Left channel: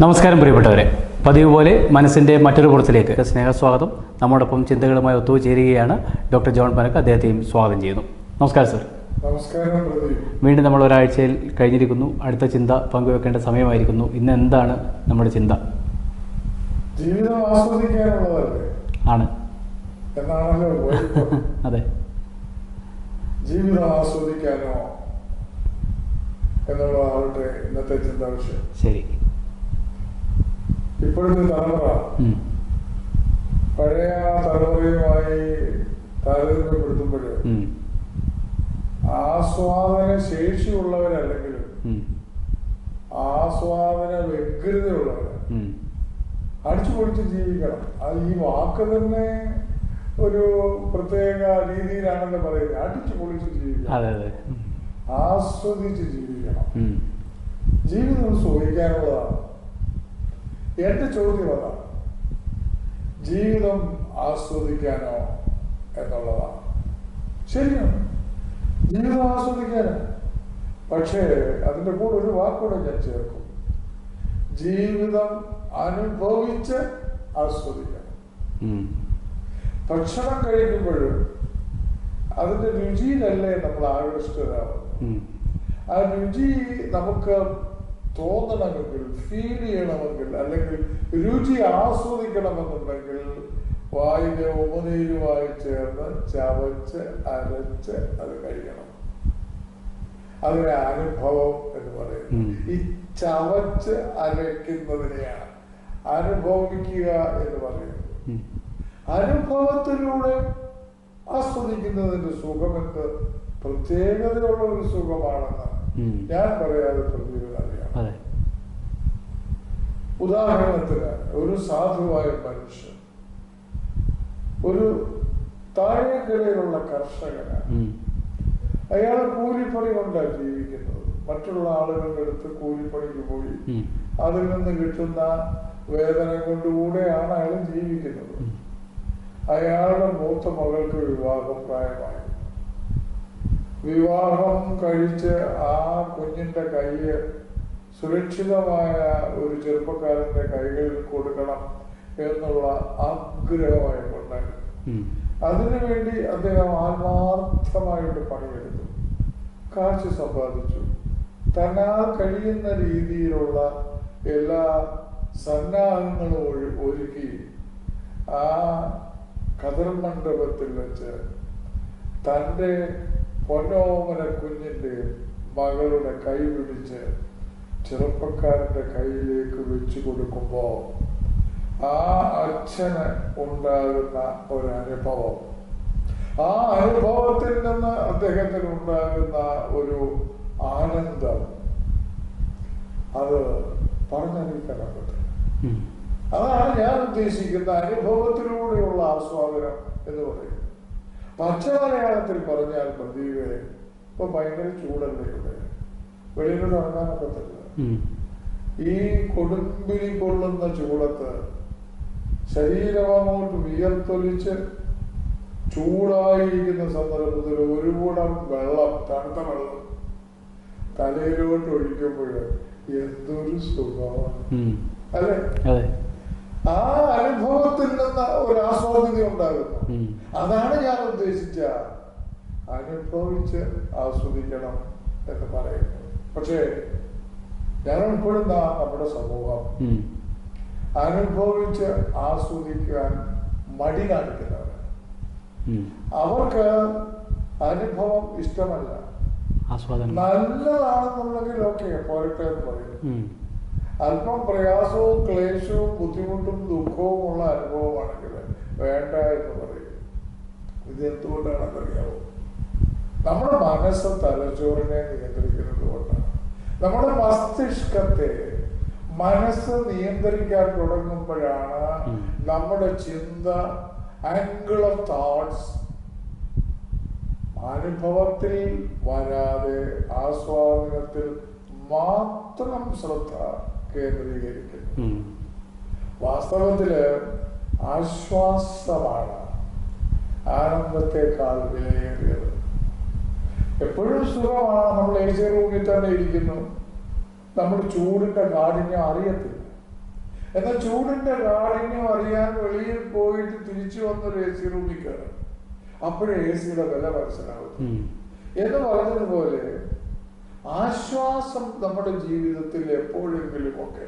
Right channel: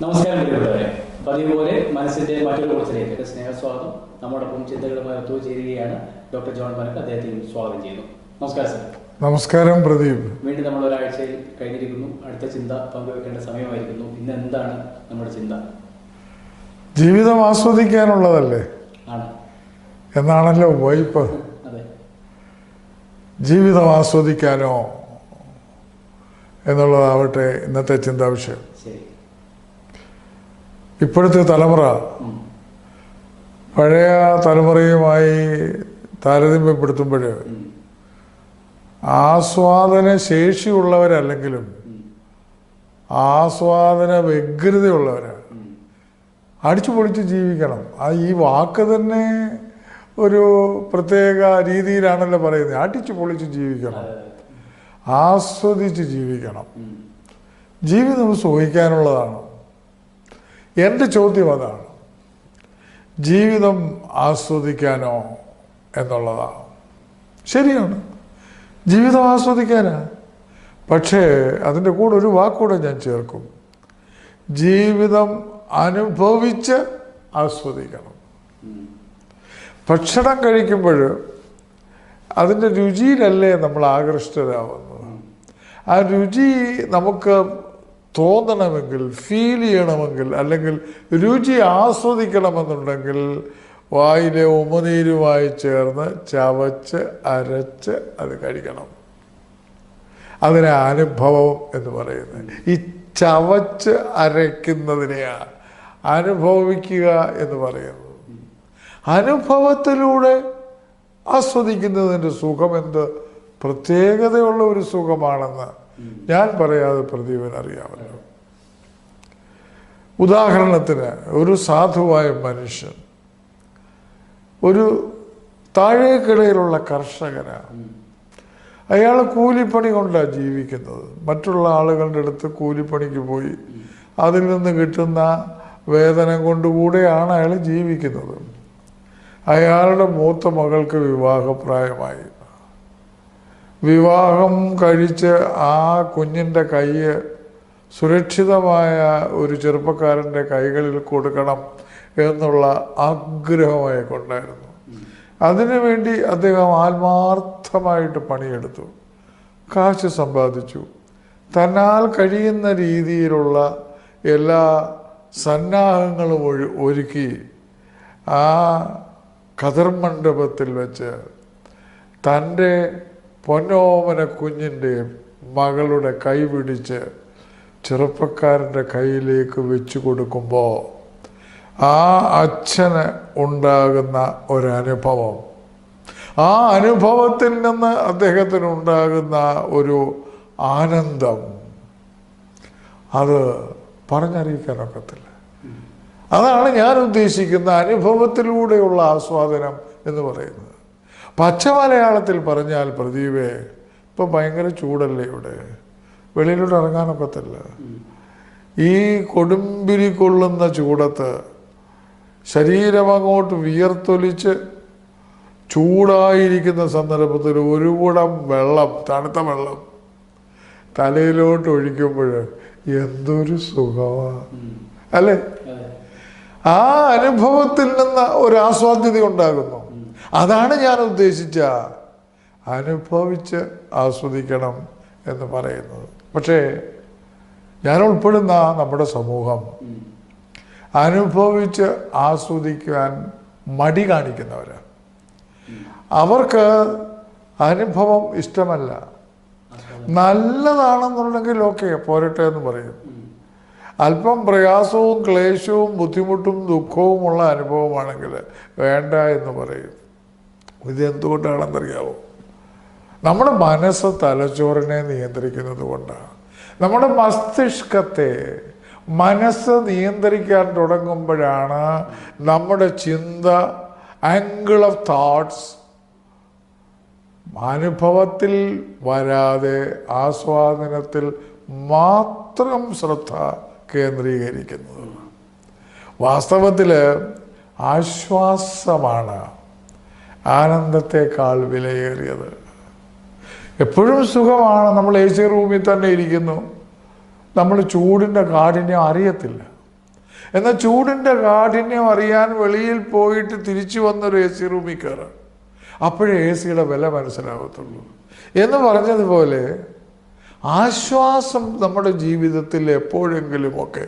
നമസ്കാരം പ്രിയപ്പെട്ടവരെ. പതിവ് പോലെ മനസ്സിന്റെ മറ്റൊരു പുറത്തിലേക്ക് സ്നേഹസ്വാഗതം. നമ്മോടൊപ്പം ചിന്തകളുമായി ഒത്തുചേരുകയാണ് ഡോക്ടർ ജോൺ പനക്ക് അദ്ദേഹത്തെയും സ്വാഗതം ചെയ്യുന്നു. നമസ്കാരം സർ. നമസ്കാരം പ്രദീപ്. വീണ്ടും നമ്മൾ ഒരാഴ്ചയിൽ കഴിഞ്ഞിരിക്കുന്നു. അടുത്ത ചിന്ത പങ്കുവെക്കേണ്ട സമയമായിരിക്കുന്നു. ഇന്ന് എന്താണ് നമ്മുടെ ചിന്ത? ജീവിതം ആസ്വദിക്കാനുള്ളതല്ലേ? ആണ്. എന്നാണല്ലോ വൈപ്പ്. അതെ. ജീവിതം ആസ്വദിക്കാനോ എന്നുള്ളതാവട്ടെ ഇന്നത്തെ ചിന്താ വിഷയം ശരി. ഇപ്പോഴത്തെ തലമുറ പഴയ തലമുറയുമായി താരതമ്യപ്പെടുത്തുമ്പോൾ. ആസ്വാദന ശേഷിയുള്ളവരല്ലെങ്കിലും. ആസ്വാദന വ്യഗ്രതയുള്ളവരാണ്. അടിച്ചു പൊളിച്ച് ജീവിക്കണം ആ ഈ വാക്ക് തന്നെ ഒരു പ്രത്യേക രീതിയിലാണല്ലോ പറയുന്നത് അടിച്ചു പൊളിച്ച് ജീവിക്കണം ആസ്വദിച്ച് ജീവിക്കണം. ജീവിതം സുഖിക്കാനുള്ളതാണ് എന്റെ ചോദ്യം അതാണ്. ജീവിതം ആസ്വദിക്കാനോ എന്നുള്ളതാണ്. ശരിയാണ്. ജീവിതം ആസ്വദിക്കാനാ. പക്ഷേ അതിന്റെ കൂടെ ഒരു വാക്കൂടെ ഞാൻ ചേർക്കും. ജീവിതം അനുഭവിച്ച് ആസ്വദിക്കണം. ഭക്ഷണം കഴിക്കുമ്പോൾ അതിന്റെ രുചിയിലല്ലേ നമ്മൾ ആകൃഷ്ടരാകുന്നത് ആ രുചി നമുക്ക് തോന്നണമെങ്കിൽ ഫീൽ ചെയ്യണമെങ്കിൽ അല്ലെങ്കിൽ രുചി ആസ്വദിക്കണമെന്നുണ്ടെങ്കിൽ വായിലെ ഉമനീരുമായി ചേർന്ന് ചവച്ച് അരച്ച് അത് കഴിക്കണം. അതിനെ അനുഭവം എന്ന് പറയുന്നത് ഈ ചവച്ച് അരയ്ക്കുന്നതിനെയാണ് അനുഭവിക്കുക എന്ന് പറയുന്നത് അനുഭവത്തിലൂടെ ആസ്വദിക്കുന്നതിന്റെ സുഖം എന്ത്? പ്രത്യേകതയുള്ള ഒരു സുഖമാണെന്ന്. ഞാൻ പറയാതെ പ്രദീപൻ അറിയാമല്ലോ ഉദാഹരണത്തിന് ഒരു സാധുവായ മനുഷ്യൻ ഒരു താഴേക്കിടയിലുള്ള കർഷകനാണ് അയാൾ കൂലിപ്പണി കൊണ്ടാണ് ജീവിക്കുന്നത്. മറ്റുള്ള ആളുകളുടെ അടുത്ത് കൂലിപ്പണിക്ക് പോയി അതിൽ നിന്ന് കിട്ടുന്ന വേതനം കൊണ്ടുകൂടെയാണ് അയാൾ ജീവിക്കുന്നത്. അയാളുടെ മൂത്ത മകൾക്ക് വിവാഹപ്രായമായി. വിവാഹം കഴിച്ച് ആ കുഞ്ഞിന്റെ കൈ സുരക്ഷിതമായ ഒരു ചെറുപ്പക്കാരന്റെ കൈകളിൽ കൊടുക്കണം എന്നുള്ള ആഗ്രഹമായി കൊണ്ടായിരുന്നു. അതിനുവേണ്ടി അദ്ദേഹം ആത്മാർത്ഥമായിട്ട് പണിയെടുത്തു. കാശ് സമ്പാദിച്ചു. തന്നാൽ കഴിയുന്ന രീതിയിലുള്ള എല്ലാ സന്നാഹങ്ങളും ഒഴി ഒരുക്കി ആ മണ്ഡപത്തിൽ വെച്ച് തന്റെ പൊന്നോമന കുഞ്ഞിന്റെ മകളുടെ കൈ പിടിച്ച് ചെറുപ്പക്കാരന്റെ കയ്യിലേക്ക് വെച്ചു കൊടുക്കുമ്പോൾ ആ അച്ഛന് ഉണ്ടാകുന്ന ഒരനുഭവം. ആ അനുഭവത്തിൽ നിന്ന് അദ്ദേഹത്തിന് ഉണ്ടാകുന്ന ഒരു ആനന്ദം. അത് പറഞ്ഞറിയിക്കാനൊക്കത്തില്ല ഉം. അതാണ് ഞാൻ ഉദ്ദേശിക്കുന്ന അനുഭവത്തിലൂടെയുള്ള ആസ്വാദനം എന്ന് പറയുന്നത്. പച്ച മലയാളത്തിൽ പറഞ്ഞാൽ പ്രദീപേ ഇപ്പം ഭയങ്കര ചൂടല്ലേ ഇവിടെ? വെളിയിലോട്ട് ഇറങ്ങാനൊക്കത്തില്ല ഈ കൊടുമ്പിരി കൊള്ളുന്ന ചൂടത്ത് ശരീരം അങ്ങോട്ട് വിയർത്തൊലിച്ച് ചൂടായിരിക്കുന്ന സന്ദർഭത്തിൽ ഒരു കുടം വെള്ളം തണുത്ത വെള്ളം തലയിലോട്ട് ഒഴിക്കുമ്പോൾ എന്തൊരു സുഖമാണ്. അല്ലേ? ആ അനുഭവത്തിൽ നിന്ന് ഒരു ആസ്വാദ്യത ഉണ്ടാകുന്നു. അതാണ് ഞാൻ ഉദ്ദേശിച്ച. അനുഭവിച്ച് ആസ്വദിക്കണം എന്ന് പറയുന്നത്. പക്ഷേ ഞാൻ ഉൾപ്പെടുന്ന നമ്മുടെ സമൂഹം അനുഭവിച്ച് ആസ്വദിക്കാൻ മടി കാണിക്കുന്നവരാണ്. അവർക്ക് അനുഭവം ഇഷ്ടമല്ല. നല്ലതാണെന്നുണ്ടെങ്കിൽ ഓക്കെ പോരട്ടെ എന്ന് പറയും. അല്പം പ്രയാസവും ക്ലേശവും ബുദ്ധിമുട്ടും ദുഃഖവും ഉള്ള അനുഭവമാണെങ്കിൽ വേണ്ട എന്ന് പറയും. ഇത് എന്തുകൊണ്ടാണെന്നറിയാവോ നമ്മുടെ മനസ്സ് തലച്ചോറിനെ നിയന്ത്രിക്കുന്നത് കൊണ്ടാണ് നമ്മുടെ മസ്തിഷ്കത്തെ മനസ്സ് നിയന്ത്രിക്കാൻ തുടങ്ങുമ്പോഴാണ് നമ്മുടെ ചിന്ത ആംഗിൾ ഓഫ് തോട്ട്സ് അനുഭവത്തിൽ വരാതെ ആസ്വാദനത്തിൽ മാത്രം ശ്രദ്ധ കേന്ദ്രീകരിക്കുന്നത്. വാസ്തവത്തിൽ ആശ്വാസമാണ് ആനന്ദത്തെക്കാൾ വിലയേറിയത്. എപ്പോഴും സുഖമാണ് നമ്മൾ എ സി റൂമിൽ തന്നെ ഇരിക്കുന്നു. നമ്മൾ ചൂടിന്റെ കാഠിന്യം അറിയത്തില്ല. എന്നാൽ ചൂടിന്റെ കാഠിന്യം അറിയാൻ വെളിയിൽ പോയിട്ട് തിരിച്ചു വന്നൊരു എ സി റൂമിൽ കയറാം. അപ്പോഴേ എ സിയുടെ വില മനസ്സിലാകത്തുള്ളൂ. എന്ന് പറഞ്ഞതുപോലെ ആശ്വാസം നമ്മുടെ ജീവിതത്തിൽ എപ്പോഴെങ്കിലുമൊക്കെ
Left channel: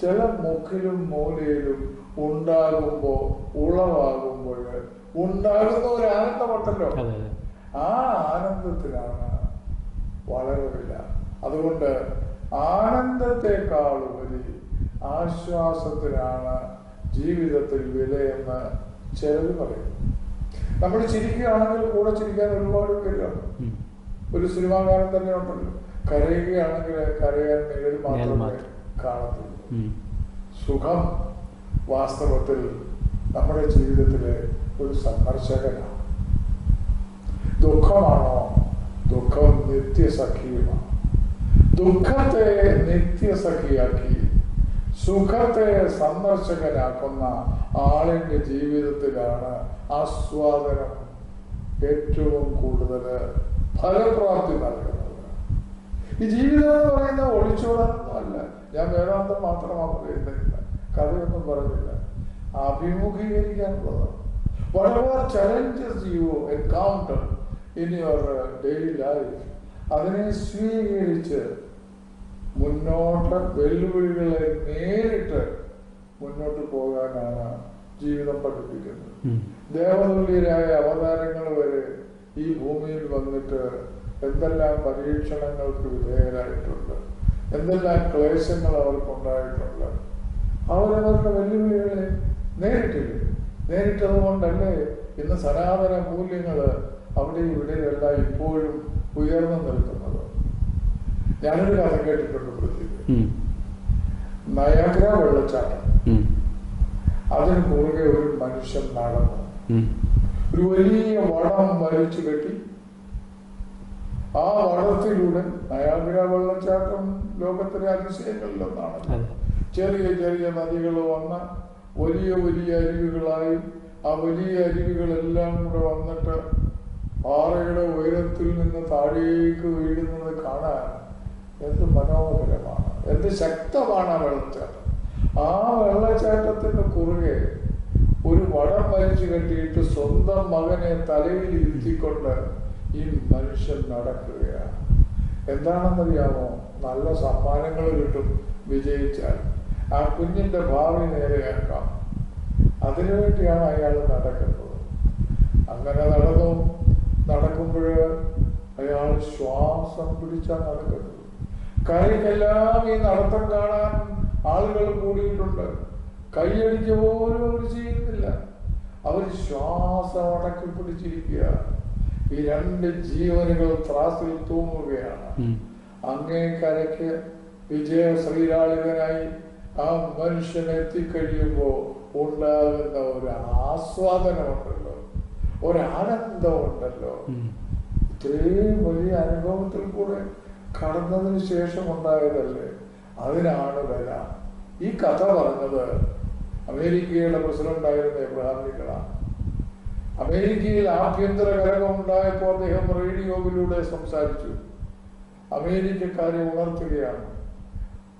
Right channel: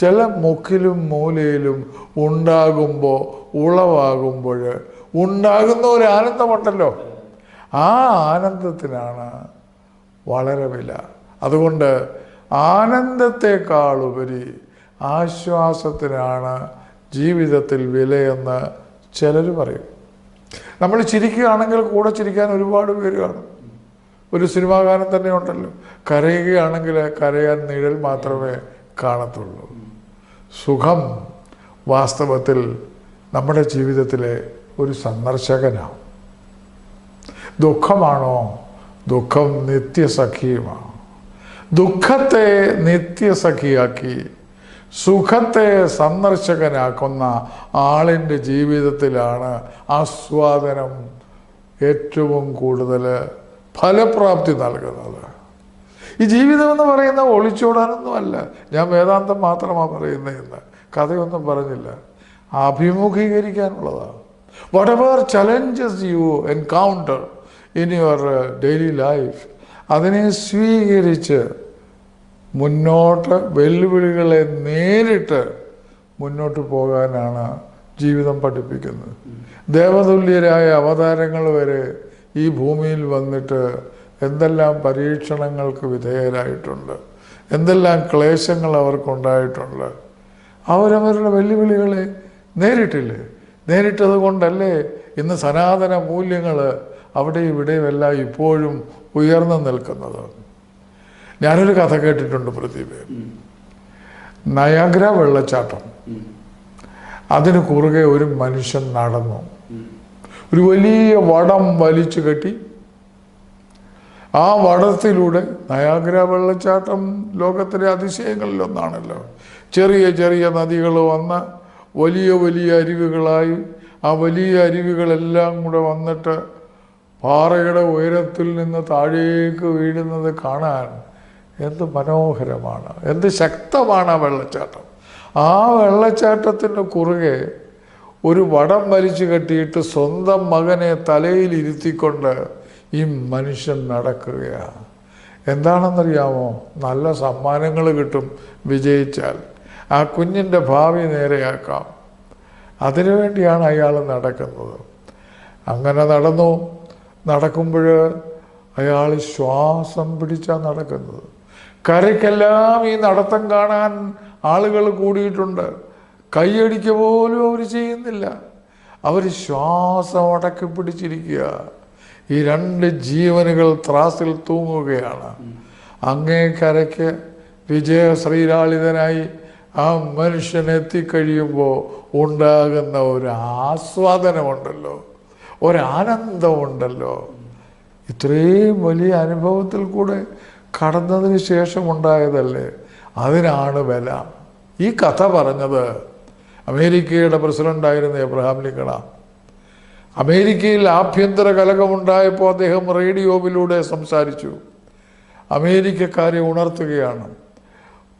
ചില മുക്കിലും മൂലയിലും ഉണ്ടാകുമ്പോൾ ഉളവാകുമ്പോൾ ഉണ്ടാകുന്ന ഒരു ആനന്ദമുണ്ടല്ലോ. ആ ആനന്ദത്തിനാണ് വളരെ വില. അതുകൊണ്ട് ആനന്ദത്തെക്കാളുപരി ആശ്വാസത്തിനാണ് ജീവിതത്തിൽ വിലയെന്ന് ചിലർ പറയും. നമ്മൾ ചിരിക്കുകയാണെങ്കിൽ കൂടെ ചിരിക്കാൻ ഒരുപാട് പേര് കാണും. ഒരു സിനിമാകാരൻ തന്നെ ഉണ്ടല്ലോ. കരയുകയാണെങ്കിൽ കരയാൻ നിഴൽ മാത്രമേ കാണത്തുള്ളൂ. സുഖം വാസ്തവത്തിൽ നമ്മുടെ ജീവിതത്തിലെ ഒരു സന്ദർശകനാണ്. ദുഃഖമാണോ? ദുഃഖം നിത്യസഖിയുമാണ്. ദുഃഖത്തെ നിത്യസഖിയാക്കി സുഖത്തെ സന്ദർശകനാക്കുന്ന ആളിന്റെ ജീവിതത്തിലാണ് ആസ്വാദനം ഏറ്റവും കൂടുതൽ ഫലപ്രാപ്തി നൽകുന്നത്. ഈ ജീവിതം എന്ന് പറയുന്ന ഒളിച്ചോടാനൊന്നുമല്ല. ഞാൻ വേദാന്തം മാത്രമാണ് പറയുന്നത് എന്ന്. കഥയൊന്നും പറഞ്ഞില്ല. അഭിമുഖീകരിക്കാനുള്ളതാണ്. What challenges challenges you encounter in your daily life അതിനെ സ്വീകരിച്ച് മുന്നോട്ട് വെല്ലുവിളികളെ നേരിട്ട് മുന്നോട്ട് പോകാനാണ് ജീവിതം പഠിപ്പിക്കുന്നത്. ദേവതുല്യരായ അവതാരങ്ങൾ വരെ ഈ ഭൂമിയിൽ വന്നിട്ട് എന്തെല്ലാം പരീക്ഷണങ്ങൾക്ക് വിധേയരായിട്ടുണ്ട് എന്തെല്ലാം ക്ലേശങ്ങൾ അവർക്കുണ്ടായിട്ടുണ്ട് അവരവരുടെ വെല്ലുവിളികളെ നേരിട്ടില്ലേ നേരിട്ടത് കൊണ്ടല്ലേ ഇന്ന് സനാതന മൂല്യങ്ങൾ അവിടെ ഇവിടെയുമെല്ലാം ഇപ്പോഴും ഉയർന്നു നിൽക്കുന്നത്. ഞാനൊരു കഥ കേട്ടിട്ടുണ്ട് പ്രദീപ്. നയാഗ്ര വെള്ളച്ചാട്ടം. അതിന് കുറുകെ ഒരു മനുഷ്യൻ നടന്നു. ഒരു വലിയ വടം വലിച്ചു കെട്ടി. ആ വടത്തിലൂടെ നയാഗ്ര വെള്ളച്ചാട്ടം ലോകത്തിലെ അതിശയങ്ങളിലൊന്നാണല്ലോ. ചെറിയ ചെറിയ നദികൾ വന്ന് വലിയ വലിയ അരുവികളായി. ആ വലിയ അരുവികളെല്ലാം കൂടെ വന്നിട്ട് പാറയുടെ ഉയരത്തിൽ നിന്ന് താഴേക്ക് വീഴുന്നത് കാണാൻ എന്ത് മനോഹരമാണ്. എന്ത് ശക്തമാണ് ആ വെള്ളച്ചാട്ടം. ആ വെള്ളച്ചാട്ടത്തിന് കുറുകെ ഒരു വടം വലിച്ചു കെട്ടിയിട്ട് സ്വന്തം മകനെ തലയിൽ ഇരുത്തിക്കൊണ്ട് ഈ മനുഷ്യൻ നടക്കുകയാണ്. എന്താണെന്നറിയാമോ? നല്ല സമ്മാനങ്ങൾ കിട്ടും വിജയിച്ചാൽ. ആ കുഞ്ഞിന്റെ ഭാവി നേരെയാക്കാം അതിനുവേണ്ടിയാണ് അയാൾ നടക്കുന്നത്. അങ്ങനെ നടന്നു. നടക്കുമ്പോൾ അയാൾ ശ്വാസം പിടിച്ചാണ് നടക്കുന്നത്. കരയ്ക്കെല്ലാം ഈ നടത്തം കാണാൻ ആളുകൾ കൂടിയിട്ടുണ്ട്. കൈയടിക്ക പോലും അവർ ചെയ്യുന്നില്ല. അവർ ശ്വാസം അടക്കി പിടിച്ചിരിക്കുക. ഈ രണ്ട് ജീവനുകൾ ത്രാസിൽ തൂങ്ങുകയാണ്. അങ്ങേ കരയ്ക്ക് വിജയ ശ്രീലാളിതനായി ആ മനുഷ്യൻ എത്തിക്കഴിയുമ്പോൾ ഉണ്ടാകുന്ന ഒരു ആസ്വാദനമുണ്ടല്ലോ. ഒരാനന്ദമുണ്ടല്ലോ. ഇത്രയും വലിയ അനുഭവത്തിൽ കൂടെ കടന്നതിന് ശേഷം ഉണ്ടായതല്ലേ അതിനാണ് വില ഈ കഥ പറഞ്ഞത് അമേരിക്കയുടെ പ്രസിഡന്റായിരുന്ന എബ്രഹാം ലിങ്കണ അമേരിക്കയിൽ ആഭ്യന്തര കലകമുണ്ടായപ്പോൾ അദ്ദേഹം റേഡിയോയിലൂടെ സംസാരിച്ചു. അമേരിക്കക്കാരെ ഉണർത്തുകയാണ്.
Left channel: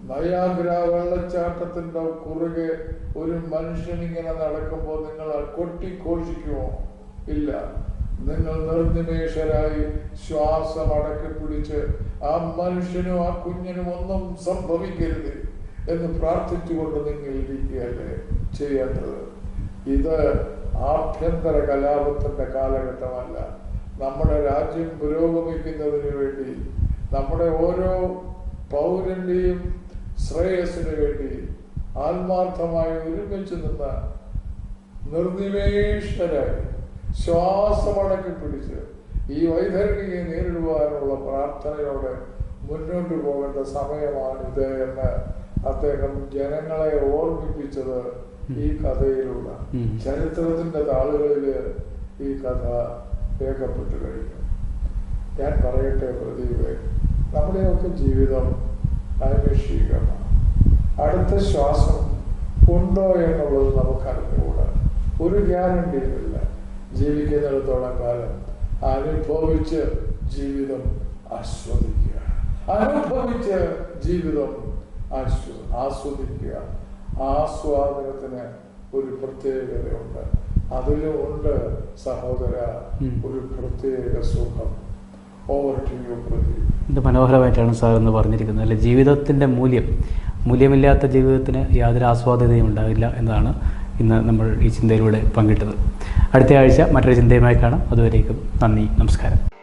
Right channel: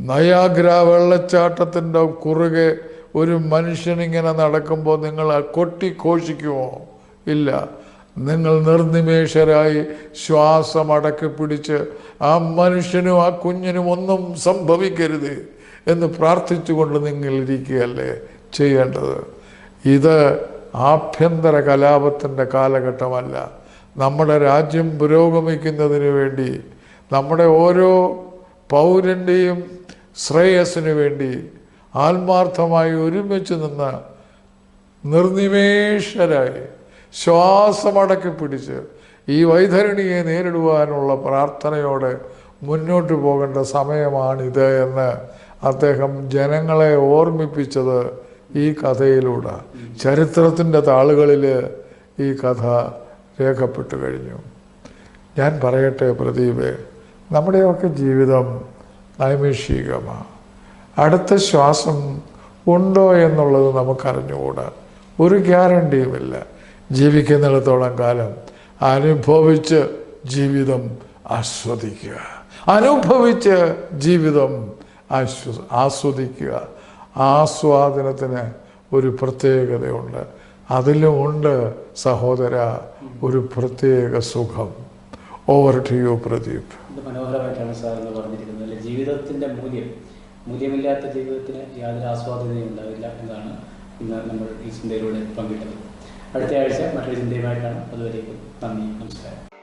നയാഗ്ര വെള്ളച്ചാട്ടത്തിന്റെ കുറുകെ ഒരു മനുഷ്യനിങ്ങനെ നടക്കുമ്പോൾ നിങ്ങൾ കൊട്ടിഘോഷിക്കുമോ കൊട്ടി ഘോഷിക്കുമോ? ഇല്ല. നിങ്ങൾ നിർനിമേഷരായി ശ്വാസം അടക്കി പിടിച്ച് ആ മനുഷ്യനും ആ കുഞ്ഞിനും ഒന്നും സംഭവിക്കരുത് എന്ന് പ്രാർത്ഥിച്ചുകൊണ്ട് നിങ്ങൾ ഇരിക്കുകയല്ലേ ചെയ്യേണ്ടത്? ഇത് ആഭ്യന്തര കലാപത്തിന്റെ കാലഘട്ടമല്ല. നമ്മുടെ രാജ്യം പുരോഗമിക്കുന്നതിന് വേണ്ടി നമ്മുടെ ഓരോ പൗരന്റെയും ശ്രേയസ്സിനു വേണ്ടി ആത്മാർത്ഥമായി ഒരുമിച്ച് നിന്ന് നിർനിമേഷരായി ശ്വാസമടക്കി പിടിച്ച് ഈ വൈതരണിയെ നേരിടുവാനുള്ള പ്രാർത്ഥനയോടെ മുന്നോട്ട് പോകേണ്ട സമയമാണിത് എന്ന് അദ്ദേഹം ജനങ്ങളെ ഓർമ്മിപ്പിച്ചത് ഈ കഥയിലൂടെ. ചരിത്രത്തിന്റെ താളുകളിൽ ഈ കഥ രേഖപ്പെട്ടു കഴിഞ്ഞു. ഞാൻ പറയട്ടെ പ്രദീപ്. നമ്മുടെയൊക്കെ ജീവിതം നൈമിഷികമാണ്. അടുത്ത ശ്വാസം ഉണ്ടോ എന്നുള്ളത് നമുക്കറിഞ്ഞുകൂടാ. ഒരു ഗ്യാരണ്ടിയുമില്ല. ജീവിക്കുന്നിടത്തോളം കാലം അനുഭവിച്ച് ജീവിതം ആസ്വദിക്കുക. അനുഭവിച്ച് ജീവിതം ആശ്വ ആസ്വദിക്കുക. ആസ്വാദനത്തിന് ഒരു പ്രത്യേകതയുണ്ട്. അതിലുമുണ്ട് സഹോദര ഒരു പ്രത്യേക സുഖം. ഓവർ ടു യു പ്രദീപ് ഇത് മനോഹരമായിട്ടാണ് സാർ എന്ന് പറഞ്ഞിരിക്കുന്നത്. അല്ലെ ജീവിതത്തിന്റെ മൂല്യം മൂല്യമില്ലാത്ത ജീവിതത്തിന് യാതൊരു ആസ്വാദ്യതയും ഉണ്ടാവില്ല എന്നതാണ് ഇന്ന് നമ്മൾ ഈ ചിന്തയിലൂടെ പങ്കിട്ടത്. അടുത്ത ആഴ്ച മറ്റൊരു ചിന്തയുമായി കാണാം. അതുവരേക്കും നന്ദി നമസ്കാരം.